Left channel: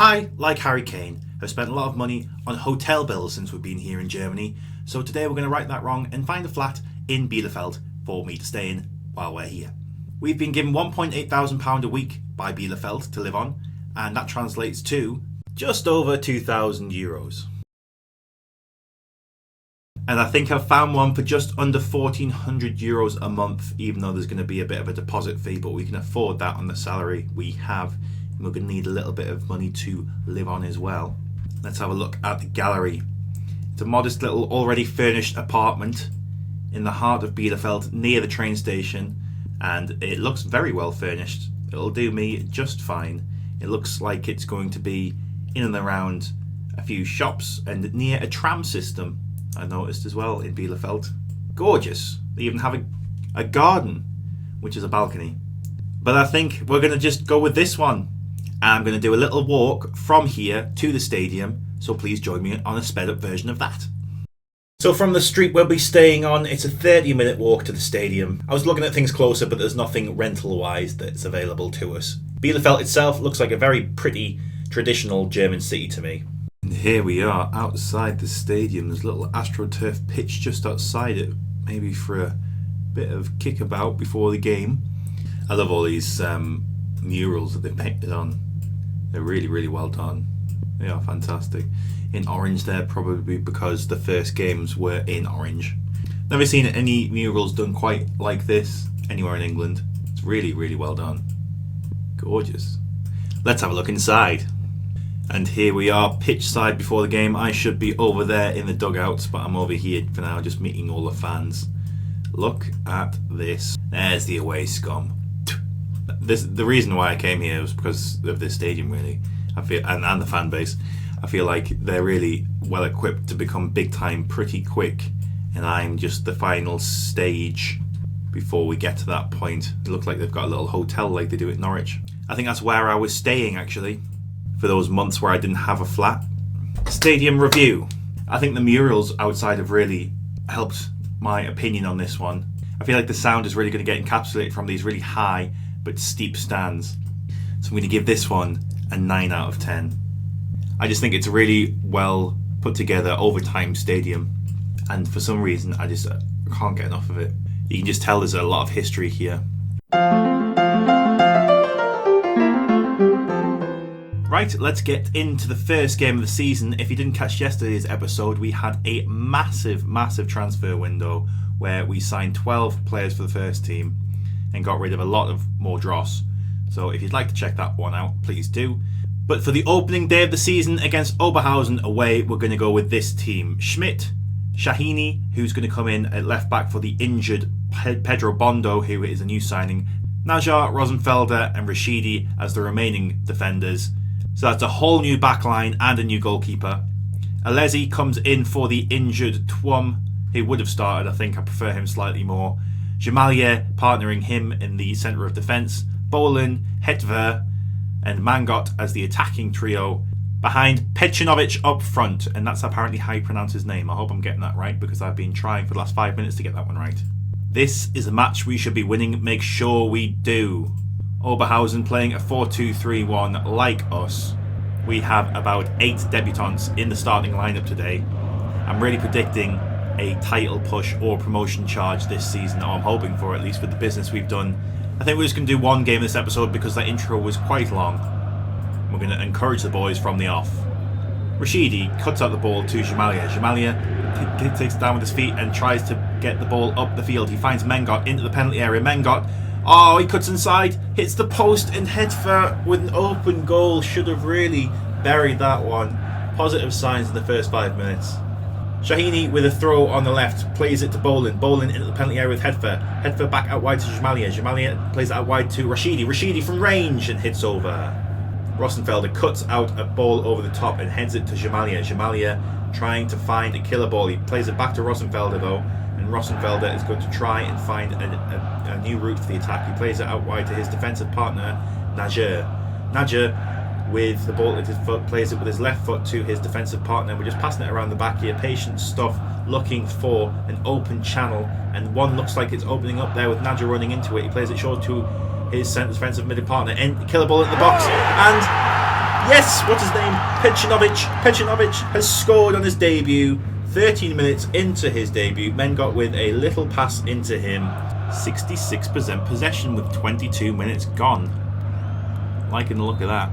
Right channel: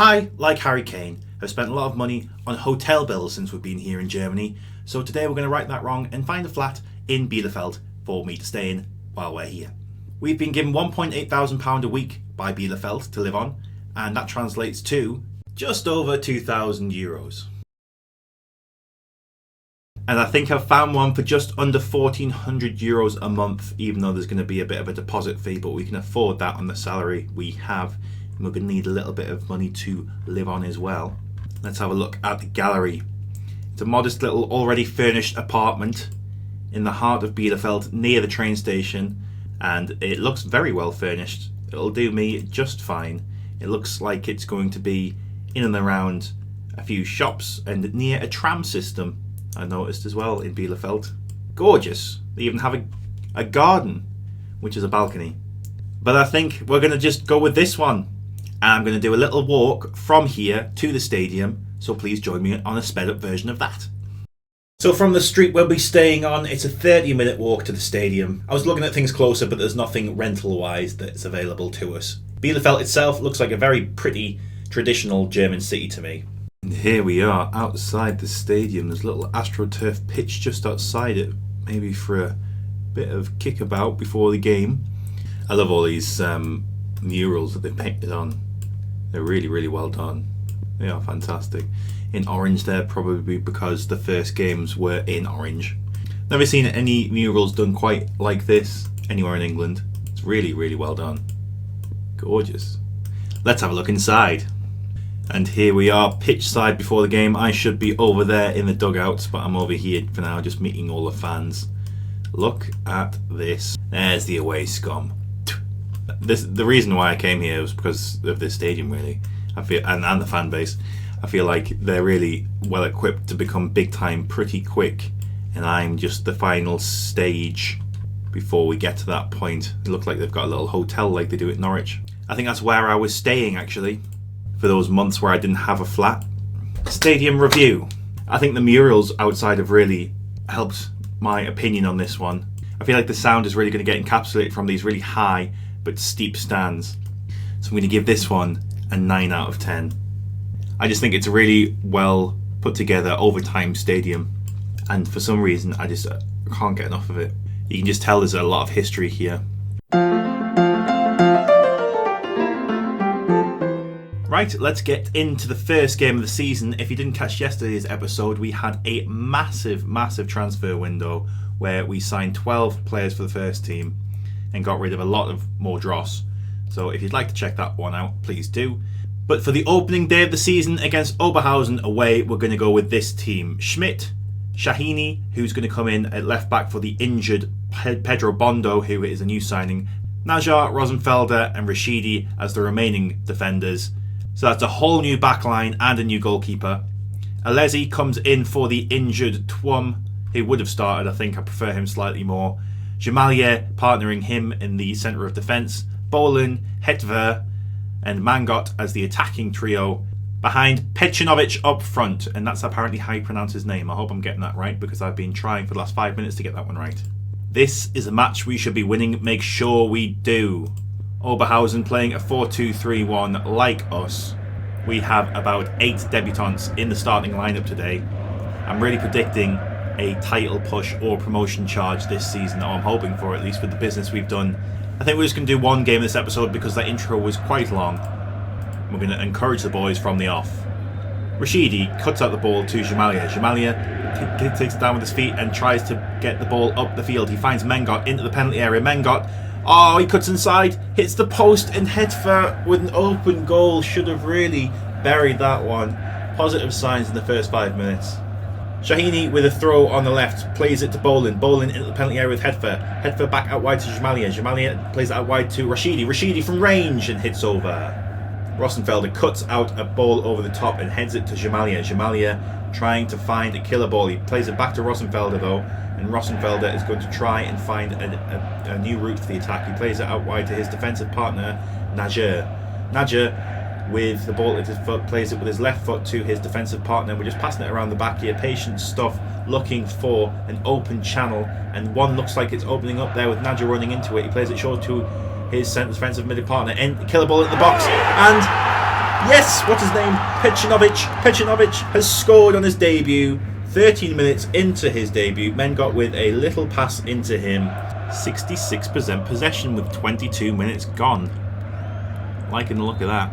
I, like Harry Kane, have spent a lot of money on hotel bills since we've been here in Germany, so today we're going to right that wrong and find a flat in Bielefeld for me to stay in while we're here. We've been given £1,800 a week by Bielefeld to live on, and that translates to just over €2,000. And I think I've found one for just under €1,400 a month, even though there's going to be a bit of a deposit fee, but we can afford that on the salary we have. And we're going to need a little bit of money to live on as well. Let's have a look at the gallery. It's a modest little already furnished apartment in the heart of Bielefeld near the train station, and it looks very well furnished. It'll do me just fine. It looks like it's going to be in and around a few shops and near a tram system, I noticed as well, in Bielefeld. Gorgeous. They even have a garden, which is a balcony. But I think we're going to just go with this one. And I'm going to do a little walk from here to the stadium, so please join me on a sped up version of that. So from the street we'll be staying on, it's a 30-minute walk to the stadium. I was looking at things closer, but there's nothing rental-wise that's available to us. Bielefeld itself looks like a very pretty, traditional German city to me. And here we are outside the stadium. There's a little AstroTurf pitch just outside it, maybe for a bit of kickabout before the game. I love all these murals that they've painted on. They're really, really well done. They are fantastic. In orange there, probably because the first games were in orange. Never seen any murals done quite like this anywhere in England. It's really, really well done. Gorgeous. Let's have a look inside. And here we are, pitch side before the game. I should be over there in the dugouts, but I'm over here for now, just meeting all the fans. Look at this. There's the away scum. The reason why I came here was because of this stadium, really. I feel, and the fan base. I feel like they're really well equipped to become big time pretty quick, and I'm just the final stage before we get to that point. It looks like they've got a little hotel like they do at Norwich. I think that's where I was staying actually, for those months where I didn't have a flat. Stadium review. I think the murals outside have really helped my opinion on this one. I feel like the sound is really going to get encapsulated from these really high but steep stands. So I'm going to give this one a 9 out of 10. I just think it's a really well put together overtime stadium, and for some reason I just can't get enough of it. You can just tell there's a lot of history here. Right, let's get into the first game of the season. If you didn't catch yesterday's episode, we had a massive transfer window where we signed 12 players for the first team and got rid of a lot of more dross. So if you'd like to check that one out, please do. But for the opening day of the season against Oberhausen away, we're going to go with this team. Schmidt, Shahini, who's going to come in at left back for the injured Pedro Bondo, who is a new signing, Najar, Rosenfelder and Rashidi as the remaining defenders. So that's a whole new backline and a new goalkeeper. Alesi comes in for the injured Twum, who would have started. I think I prefer him slightly more. Jamalier partnering him in the centre of defence. Bolin, Hetver and Mangot as the attacking trio. Behind Pecinovic up front, and that's apparently how you pronounce his name. I hope I'm getting that right because I've been trying for the last 5 minutes to get that one right. This is a match we should be winning. Make sure we do. Oberhausen playing a 4-2-3-1 like us. We have about 8 debutants in the starting lineup today. I'm really predicting a title push or promotion charge this season, or I'm hoping for, at least with the business we've done. I think we're just going to do one game this episode because that intro was quite long. We're going to encourage the boys from the off. Rashidi cuts out the ball to Jamalier. Jamalier takes it down with his feet and tries to get the ball up the field. He finds Mengot into the penalty area. Mengot, he cuts inside, hits the post, and Hetfer with an open goal should have really buried that one. Positive signs in the first 5 minutes. Shahini with a throw on the left, plays it to Bolin. Bolin into the penalty area with Hetfer. Hetfer back out wide to Jamalier. Jamalier plays it out wide to Rashidi. Rashidi from range and hits over. Rosenfelder cuts out a ball over the top and heads it to Jamalier. Jamalier trying to find a killer ball. He plays it back to Rosenfelder though, and Rosenfelder is going to try and find a new route for the attack. He plays it out wide to his defensive partner, Najer. Najer with the ball at his foot, plays it with his left foot to his defensive partner. We're just passing it around the back here. Patient stuff, looking for an open channel, and one looks like it's opening up there with Najer running into it. He plays it short to his defensive middle partner, and killer ball in the box, and Yes, what's his name? Pecinovic. Pecinovic has scored on his debut. 13 minutes into his debut, Mengot with a little pass into him. 66% possession with 22 minutes gone. Liking the look of that.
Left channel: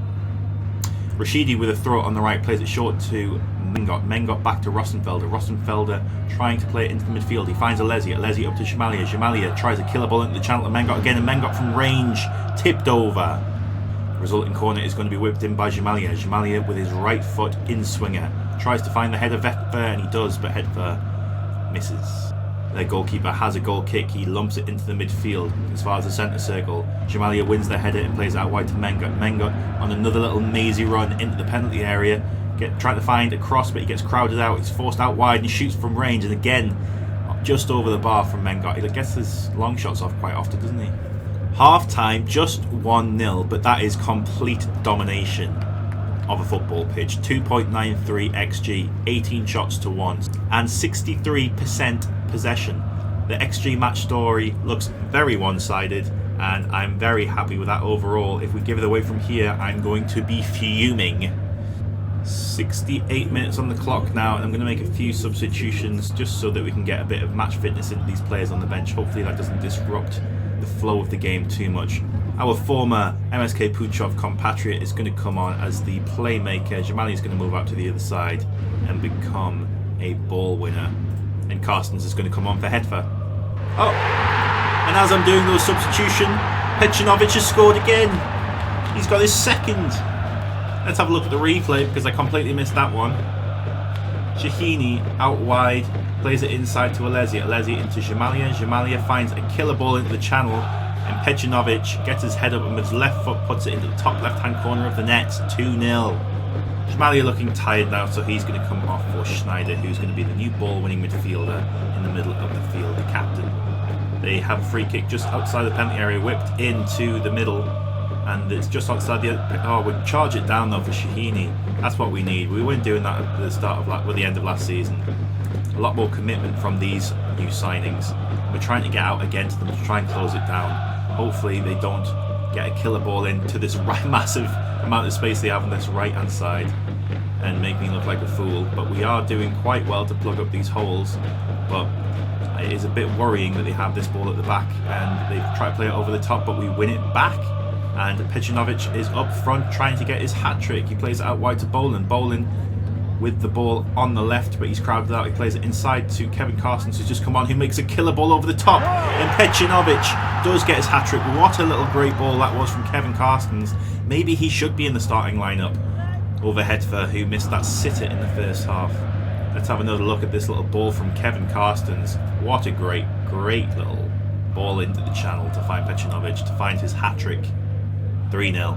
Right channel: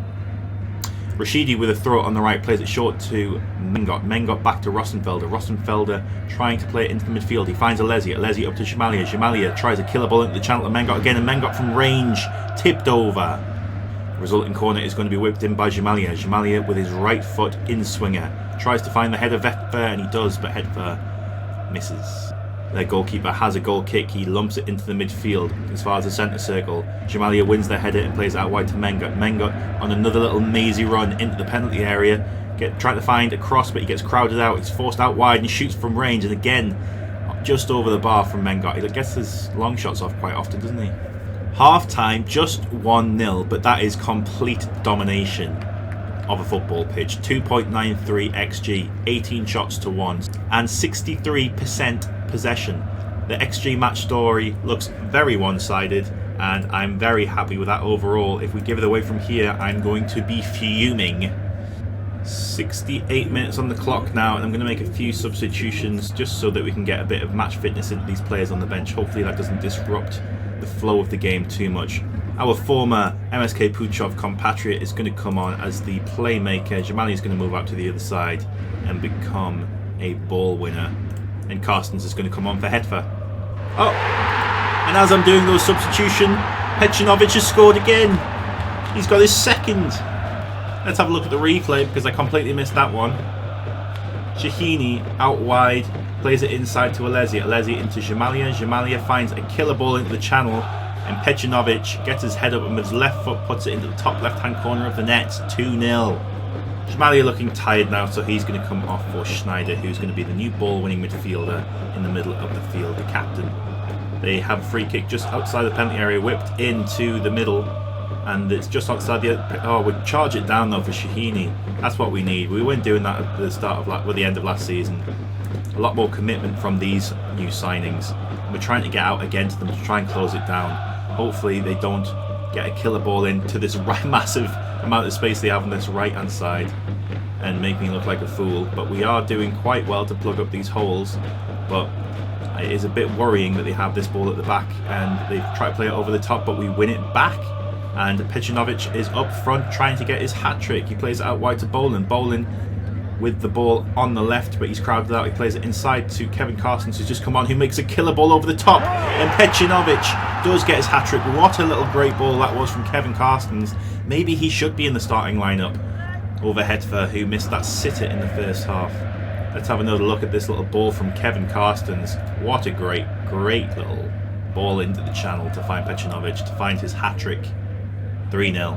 Rashidi with a throw on the right, plays it short to Mengot. Mengot back to Rosenfelder. Rosenfelder trying to play it into the midfield. He finds Alesi. Alesi up to Jamalia. Jamalia tries a killer ball into the channel to Mengot again, and Mengot from range tipped over. The resulting corner is going to be whipped in by Jamalia. Jamalia with his right foot in swinger. Tries to find the header Hetver, and he does, but Hetver misses. Their goalkeeper has a goal kick. He lumps it into the midfield as far as the centre circle. Jamalia wins the header and plays it out wide to Mengot. Mengot on another little mazy run into the penalty area. Trying to find a cross, but he gets crowded out. He's forced out wide and shoots from range. And again, just over the bar from Mengot. He gets his long shots off quite often, doesn't he? Half time, just 1-0, but that is complete domination of a football pitch. 2.93 XG, 18 shots to 1, and 63% possession. The XG match story looks very one-sided, and I'm very happy with that overall. If we give it away from here, I'm going to be fuming. 68 minutes on the clock now, and I'm going to make a few substitutions just so that we can get a bit of match fitness into these players on the bench. Hopefully that doesn't disrupt the flow of the game too much. Our former MSK Puchov compatriot is going to come on as the playmaker. Jamali is going to move out to the other side and become a ball winner. And Carstens is going to come on for Hetver. Oh! And as I'm doing those substitutions, Pecinovic has scored again. He's got his second. Let's have a look at the replay because I completely missed that one. Shahini out wide, plays it inside to Alesi. Alesi into Jamalia. Jamalia finds a killer ball into the channel, and Pecinovic gets his head up and with his left foot puts it into the top left-hand corner of the net. 2-0. Jamalia looking tired now, so he's going to come off for Schneider, who's going to be the new ball-winning midfielder in the middle of the field, the captain. They have a free kick just outside the penalty area, whipped into the middle, and it's just outside the... Oh, we'll charge it down though for Shahini. That's what we need. We weren't doing that at the start of the end of last season. A lot more commitment from these new signings. We're trying to get out again to them to try and close it down. Hopefully they don't get a killer ball into this massive amount of space they have on this right hand side and make me look like a fool. But we are doing quite well to plug up these holes, but it is a bit worrying that they have this ball at the back and they've tried to play it over the top, but we win it back. And Pecinovic is up front trying to get his hat-trick. He plays it out wide to Bolin. Bolin with the ball on the left, but he's crowded out. He plays it inside to Kevin Carstens, who's just come on, who makes a killer ball over the top. And Pecinovic does get his hat-trick. What a little great ball that was from Kevin Carstens. Maybe he should be in the starting lineup over Hetver, who missed that sitter in the first half. Let's have another look at this little ball from Kevin Carstens. What a great little ball into the channel to find Pecinovic, to find his hat-trick. 3-0.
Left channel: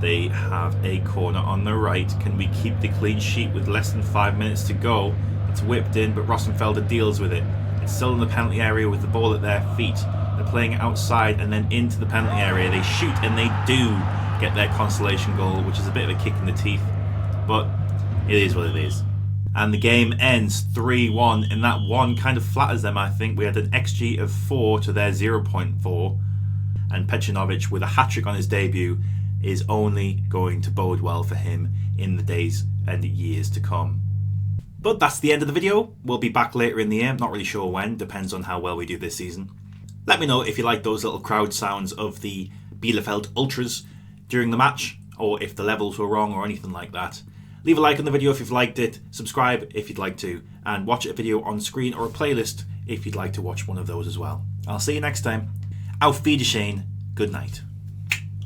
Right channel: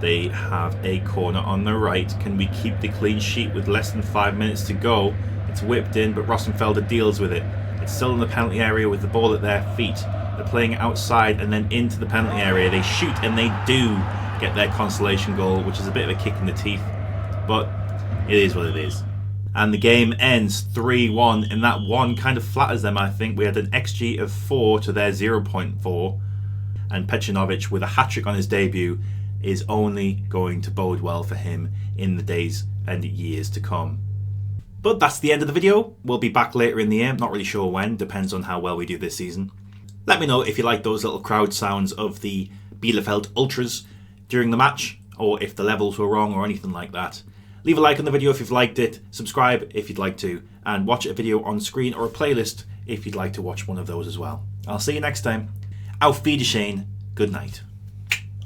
They have a corner on the right. Can we keep the clean sheet with less than 5 minutes to go? It's whipped in, but Rosenfelder deals with it. It's still in the penalty area with the ball at their feet. They're playing it outside and then into the penalty area. They shoot and they do get their consolation goal, which is a bit of a kick in the teeth. But it is what it is. And the game ends 3-1, and that one kind of flatters them, I think. We had an XG of 4 to their 0.4. And Pecinovic, with a hat-trick on his debut, is only going to bode well for him in the days and years to come. But that's the end of the video. We'll be back later in the year. Not really sure when. Depends on how well we do this season. Let me know if you like those little crowd sounds of the Bielefeld Ultras during the match, or if the levels were wrong or anything like that. Leave a like on the video if you've liked it. Subscribe if you'd like to. And watch a video on screen or a playlist if you'd like to watch one of those as well. I'll see you next time. Auf Wiedersehen. Good night.